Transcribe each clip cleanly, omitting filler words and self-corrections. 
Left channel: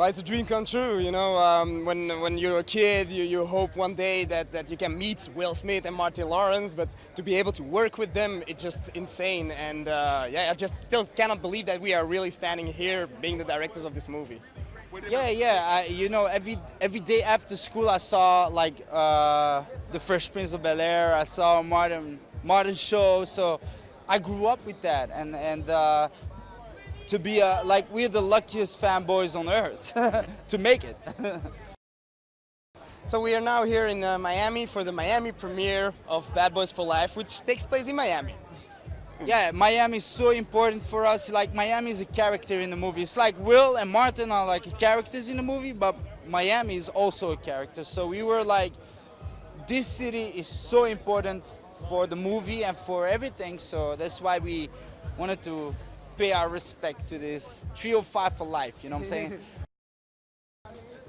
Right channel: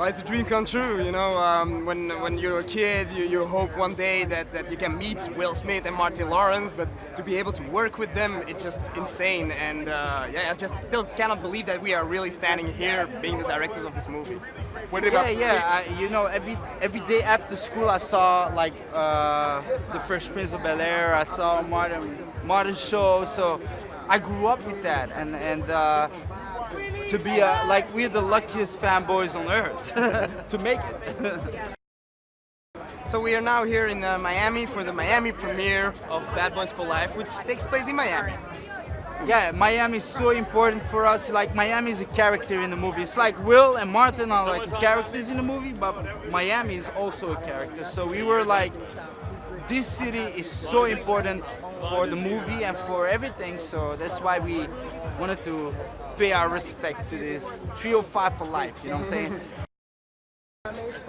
Well, it's a dream come true, you know. When you're a kid, you hope one day that you can meet Will Smith and Martin Lawrence, but to be able to work with them, it's just insane. And yeah, I just still cannot believe that we are really standing here being the directors of this movie. You know, every day after school, I saw like the Fresh Prince of Bel-Air. I saw Martin show, so I grew up with that, and to be like we're the luckiest fanboys on earth to make it. So we are now here in Miami for the Miami premiere of Bad Boys for Life, which takes place in Miami. Yeah, Miami is so important for us. Like Miami is a character in the movie. It's like Will and Martin are like characters in the movie, but Miami is also a character. So we were like, this city is so important for the movie and for everything. So that's why we wanted to pay our respect to this 305 for life. You know what I'm saying?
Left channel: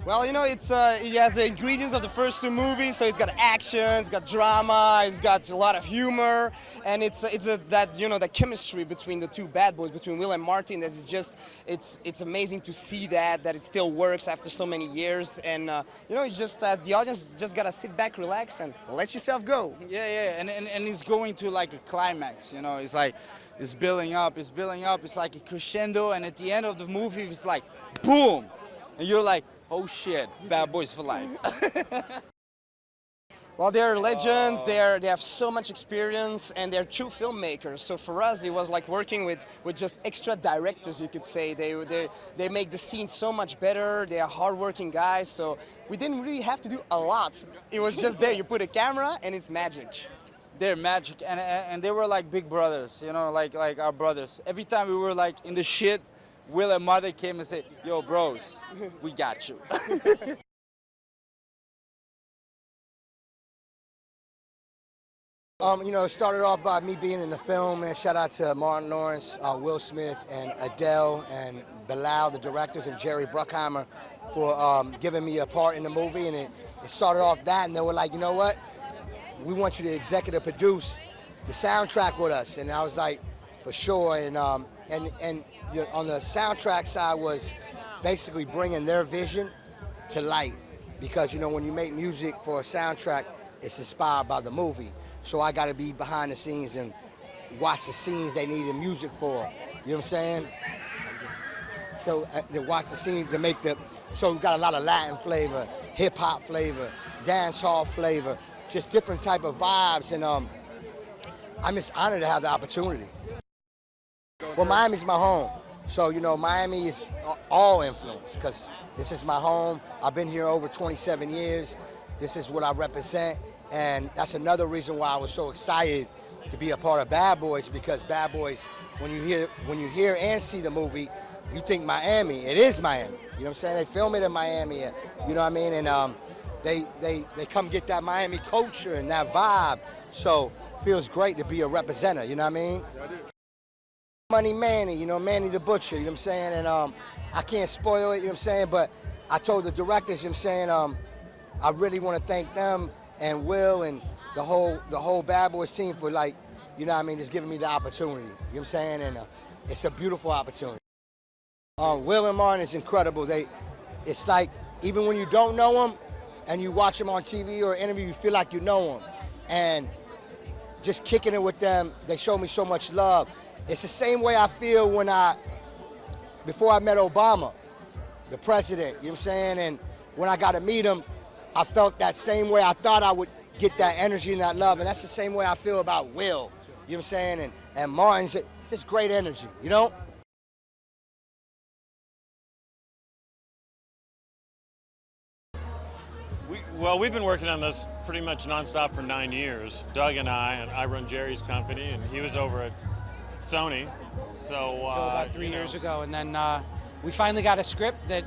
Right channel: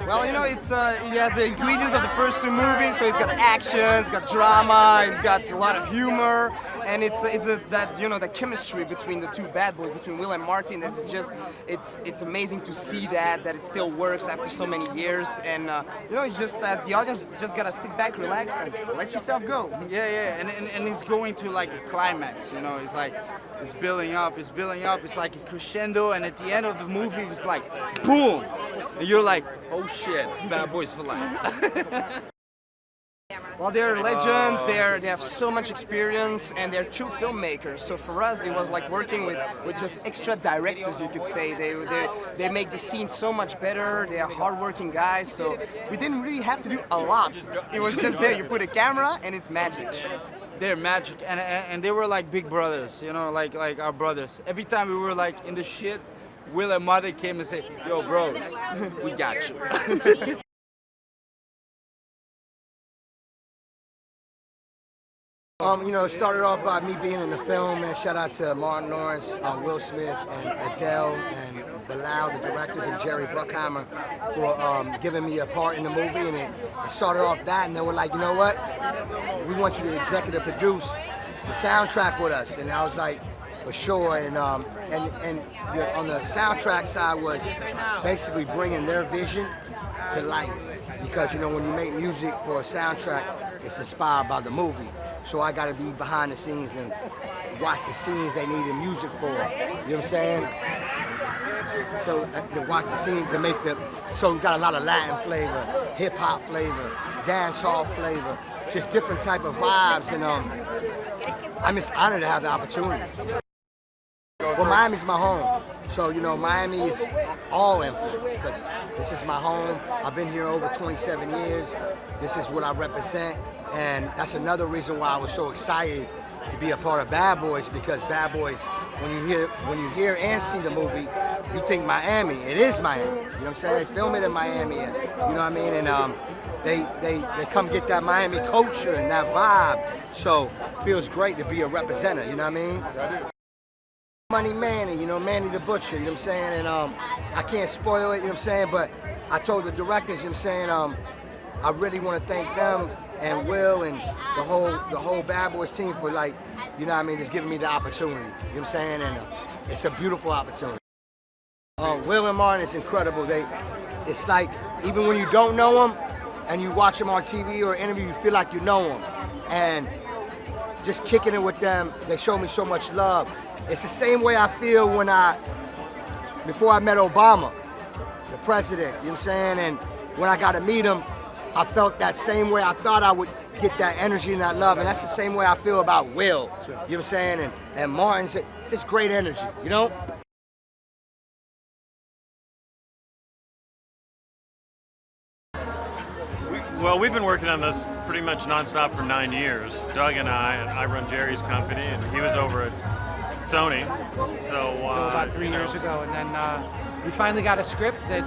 Well, you know, it has the ingredients of the first two movies, so it's got action, it's got drama, it's got a lot of humor, and it's that, you know, the chemistry between the two bad boys, between Will and Martin. This is just, it's amazing to see that it still works after so many years, and you know, just the audience just gotta sit back, relax, and let yourself go. Yeah, and it's going to like a climax. You know, it's like it's building up, it's like a crescendo, and at the end of the movie, it's like boom. You're like, oh shit, Bad Boys for Life. Well, they're legends, they have so much experience, and they're true filmmakers. So for us, it was like working with just extra directors, you could say. They make the scene so much better, they are hardworking guys, so we didn't really have to do a lot. It was just there, you put a camera, and it's magic. They're magic, and they were like big brothers, you know, like our brothers. Every time we were like in the shit, Will and Mother came and said, yo, bros, we got you. You know, it started off by me being in the film, and shout out to Martin Lawrence, Will Smith, and Adil, and Bilall, the directors, and Jerry Bruckheimer for giving me a part in the movie. And it started off that, and then we're like, you know what? We want you to executive produce the soundtrack with us. And I was like, for sure. And you know, on the soundtrack side was basically bringing their vision to life, because you know, when you make music for a soundtrack, it's inspired by the movie. So I got to be behind the scenes and watch the scenes they needed music for. You know what I'm saying? So they watch the scenes and make them. So we got a lot of Latin flavor, hip hop flavor, dance hall flavor, just different type of vibes. And I'm just honored to have the opportunity. Well, Miami's my home, so you know, Miami is all influence, because this is my home. I've been here over 27 years. This is what I represent, and that's another reason why I was so excited to be a part of Bad Boys, because Bad Boys, when you hear and see the movie, you think Miami. It is Miami. You know what I'm saying? They film it in Miami, and you know what I mean. And they come get that Miami culture and that vibe. So it feels great to be a representative. You know what I mean? Money Manny, you know, Manny the Butcher, you know what I'm saying? And I can't spoil it, you know what I'm saying? But I told the directors, you know what I'm saying, I really want to thank them and Will and the whole Bad Boys team for, like, you know what I mean, just giving me the opportunity, you know what I'm saying? And it's a beautiful opportunity. Will and Martin is incredible. It's like, even when you don't know them and you watch them on TV or interview, you feel like you know them. And just kicking it with them, they show me so much love. It's the same way I feel before I met Obama, the president, you know what I'm saying? And when I got to meet him, I felt that same way. I thought I would get that energy and that love, and that's the same way I feel about Will, you know what I'm saying? And Martin's just great energy, you know? Well, we've been working on this pretty much nonstop for 9 years. Doug and I run Jerry's company, and he was over at Sony. So about 3 years ago, and then we finally got a script that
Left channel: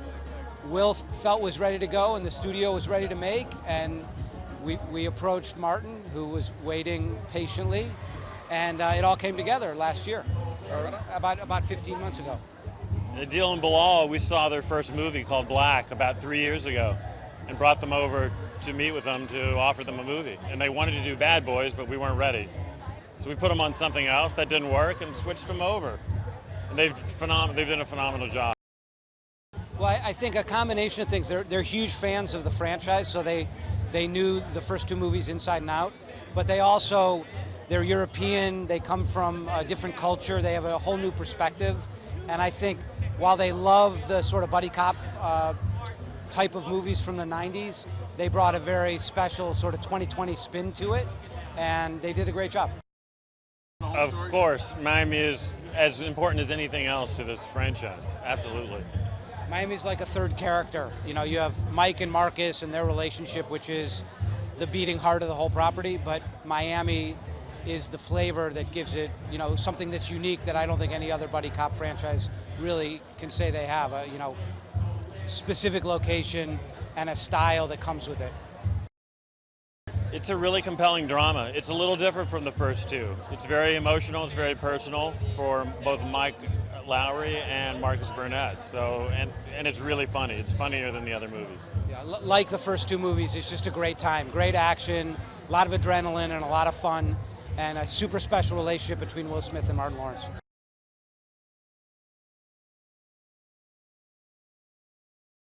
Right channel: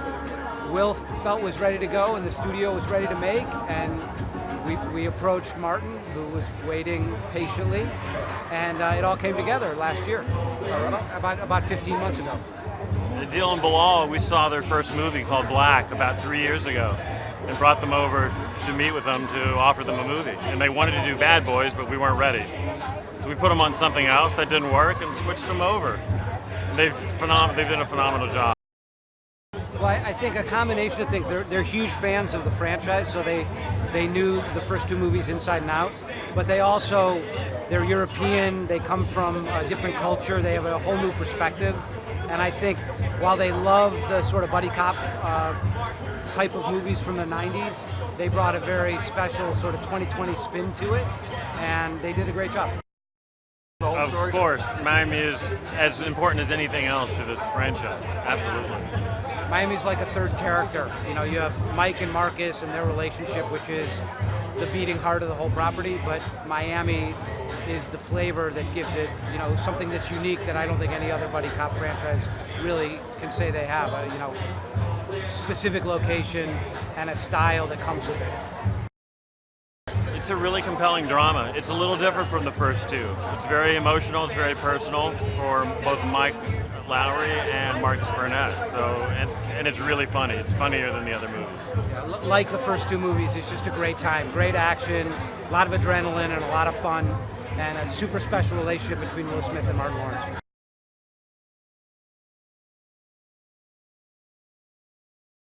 Will felt was ready to go and the studio was ready to make, and we approached Martin, who was waiting patiently, and it all came together last year, about 15 months ago. Adil and Bilall, we saw their first movie called Black about 3 years ago, and brought them over to meet with them to offer them a movie. And they wanted to do Bad Boys, but we weren't ready. So we put them on something else that didn't work and switched them over. And they've done a phenomenal job. Well, I think a combination of things. They're huge fans of the franchise, so they knew the first two movies inside and out. But they're European. They come from a different culture. They have a whole new perspective. And I think while they love the sort of buddy cop type of movies from the 90s, they brought a very special sort of 2020 spin to it, and they did a great job. Of course, Miami is as important as anything else to this franchise. Absolutely. Miami's like a third character. You know, you have Mike and Marcus and their relationship, which is the beating heart of the whole property, but Miami is the flavor that gives it, you know, something that's unique that I don't think any other buddy cop franchise really can say they have. You know, specific location and a style that comes with it. It's a really compelling drama. It's a little different from the first two. It's very emotional, it's very personal for both Mike Lowery and Marcus Burnett. So, and it's really funny. It's funnier than the other movies. Like the first two movies, it's just a great time. Great action, a lot of adrenaline and a lot of fun, and a super special relationship between Will Smith and Martin Lawrence.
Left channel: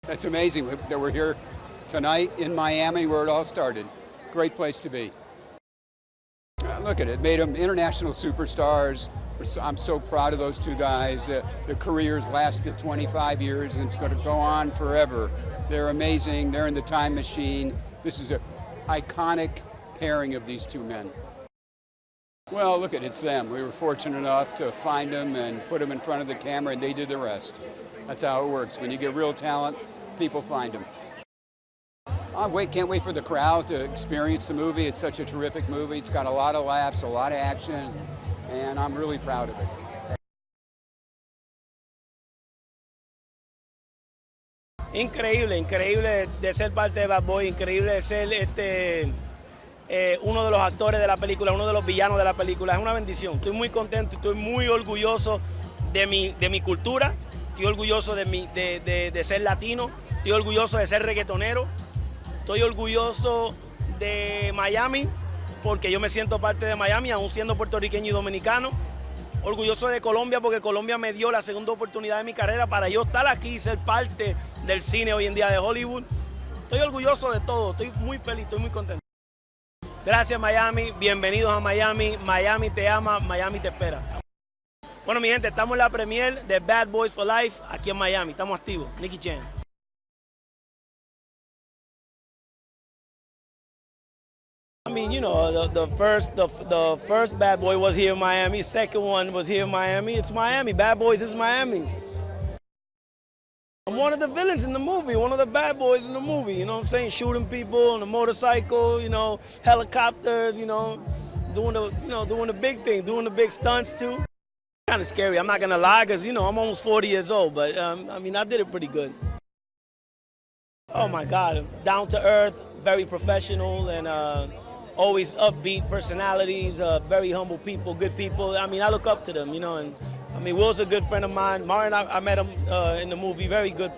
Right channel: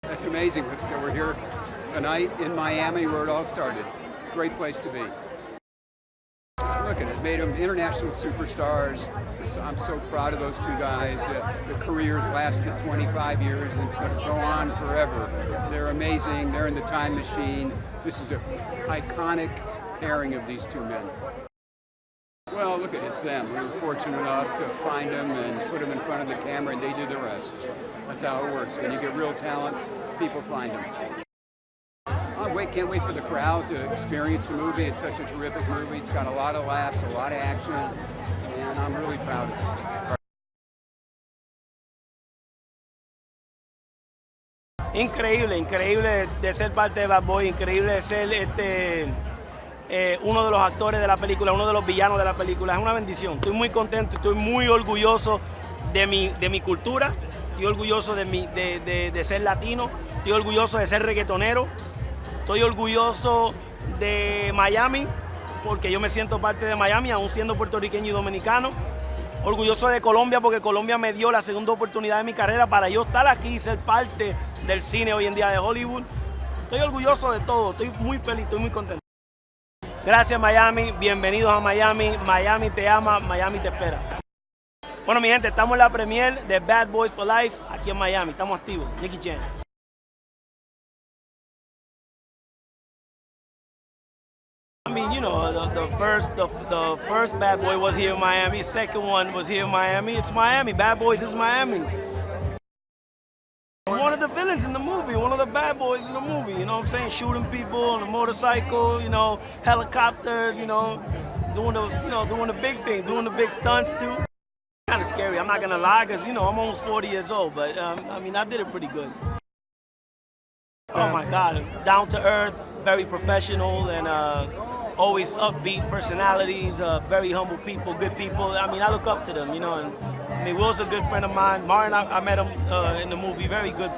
That's amazing that we're here tonight in Miami where it all started. Great place to be. Look at it, made them international superstars. I'm so proud of those two guys. Their careers lasted 25 years and it's going to go on forever. They're amazing, they're in the time machine. This is an iconic pairing of these two men. Well, look at it, it's them. We were fortunate enough to find them and put them in front of the camera and they did the rest. That's how it works. When you get real talent, people find them. Can't wait for the crowd to experience the movie. It's such a terrific movie. It's got a lot of laughs, a lot of action, and I'm really proud of it. Increíble de ser parte de Bad Boy, increíble de ser uno de los actores de la película, uno de los villanos de la película. Es una bendición. Estoy muy contento, estoy muy orgulloso de mi cultura, estoy orgulloso de ser latino, estoy orgulloso de ser reggaetonero. Estoy orgulloso de Miami, porque yo me siento parte de Miami, aún siendo puertorriqueño y dominicano. Orgulloso de Colombia, porque Colombia me dio la segunda oportunidad de mi carrera para yo estar aquí y ser parte del cine hoy en día de Hollywood. Estoy orgulloso de todo, estoy muy feliz, estoy muy contento. Gracias Miami, bienvenidos a Miami. Miami te ama, Miami te espera. Bueno mi gente, estamos en la premiere de Bad Boys for Life aquí en Miami, estamos activos. Nicky Chen. I mean, you know, the first Bad Boy was here in Miami. The second one was here in Miami. It's Miami. Bad Boys is Miami. I'm one of the villains in the movie, one of the bad boys in the movie. You know what I'm saying? Shooting people on a motorcycle. You know, helicopters. You know, doing the big thing, doing the big stunts too. Kind of scary. I'm not gonna lie, cause you know I'm almost 40 years old, but I mean I did it pretty good. Oh my God, down to earth, very professional, and always upbeat personalities, very humble people, good people. I mean, I look up to them, you know. And, I mean, Will's a good friend of mine. Martin, I met him in the movie. Very good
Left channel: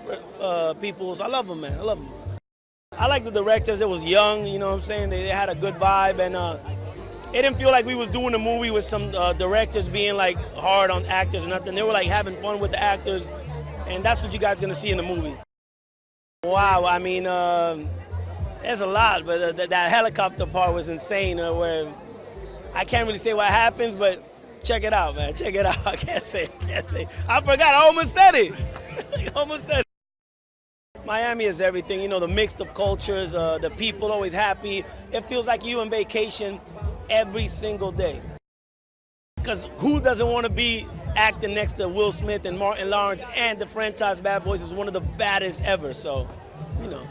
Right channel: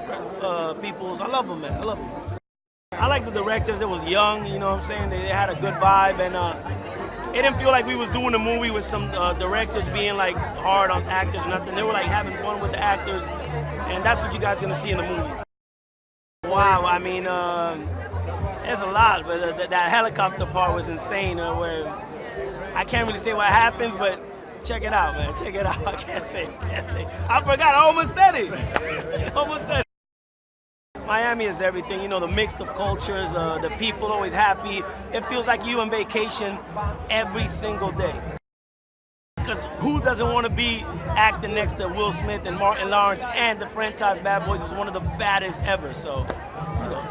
people. I love them, man. I love them. I like the directors. It was young, you know what I'm saying? They had a good vibe, and it didn't feel like we was doing a movie with some directors being like hard on actors or nothing. They were like having fun with the actors, and that's what you guys gonna see in the movie. Wow, I mean, there's a lot, but that helicopter part was insane. Where I can't really say what happens, but check it out, man. Check it out. I can't say. I forgot. I almost said it. Miami is everything. You know, the mix of cultures, the people always happy. It feels like you on vacation every single day. Because who doesn't want to be acting next to Will Smith and Martin Lawrence, and the franchise Bad Boys is one of the baddest ever. So, you know.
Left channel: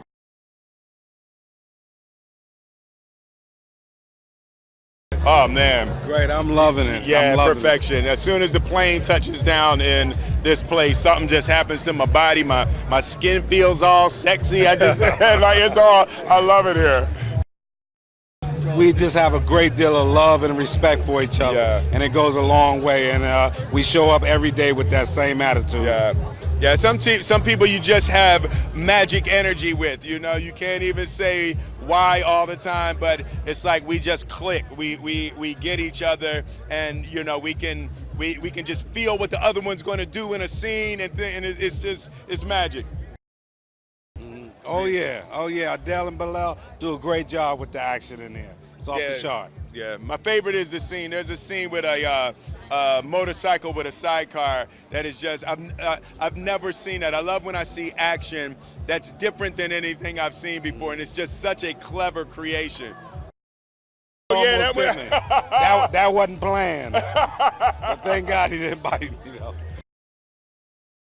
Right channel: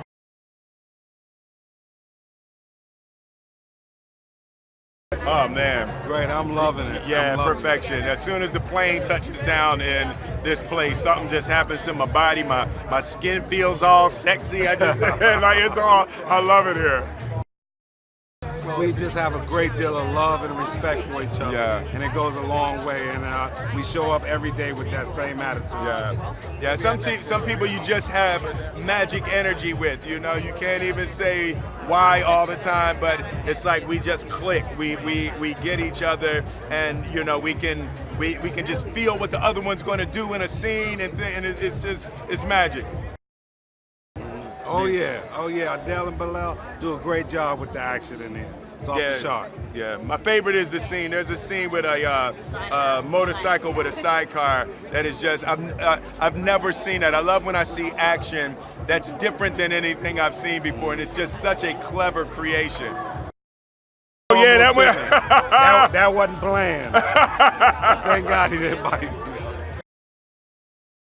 Oh man, Great, I'm loving it. yeah, I'm loving perfection. As soon as the plane touches down in this place, something just happens to my body. My skin feels all sexy. I just like it's all. I love it here. We just have a great deal of love and respect for each other, Yeah. and it goes a long way. And we show up every day with that same attitude. Yeah. Some people you just have magic energy with. You know, you can't even say why all the time, but it's like we just click. We get each other, and you know we can just feel what the other one's going to do in a scene, and it's magic. Oh yeah. Adil and Bilall do a great job with the action in there. It's off the chart. Yeah, my favorite is the scene. There's a scene with a motorcycle with a sidecar that is just, I've never seen that. I love when I see action that's different than anything I've seen before, and it's just such a clever creation. Oh yeah, that wasn't planned. Thank God he didn't bite.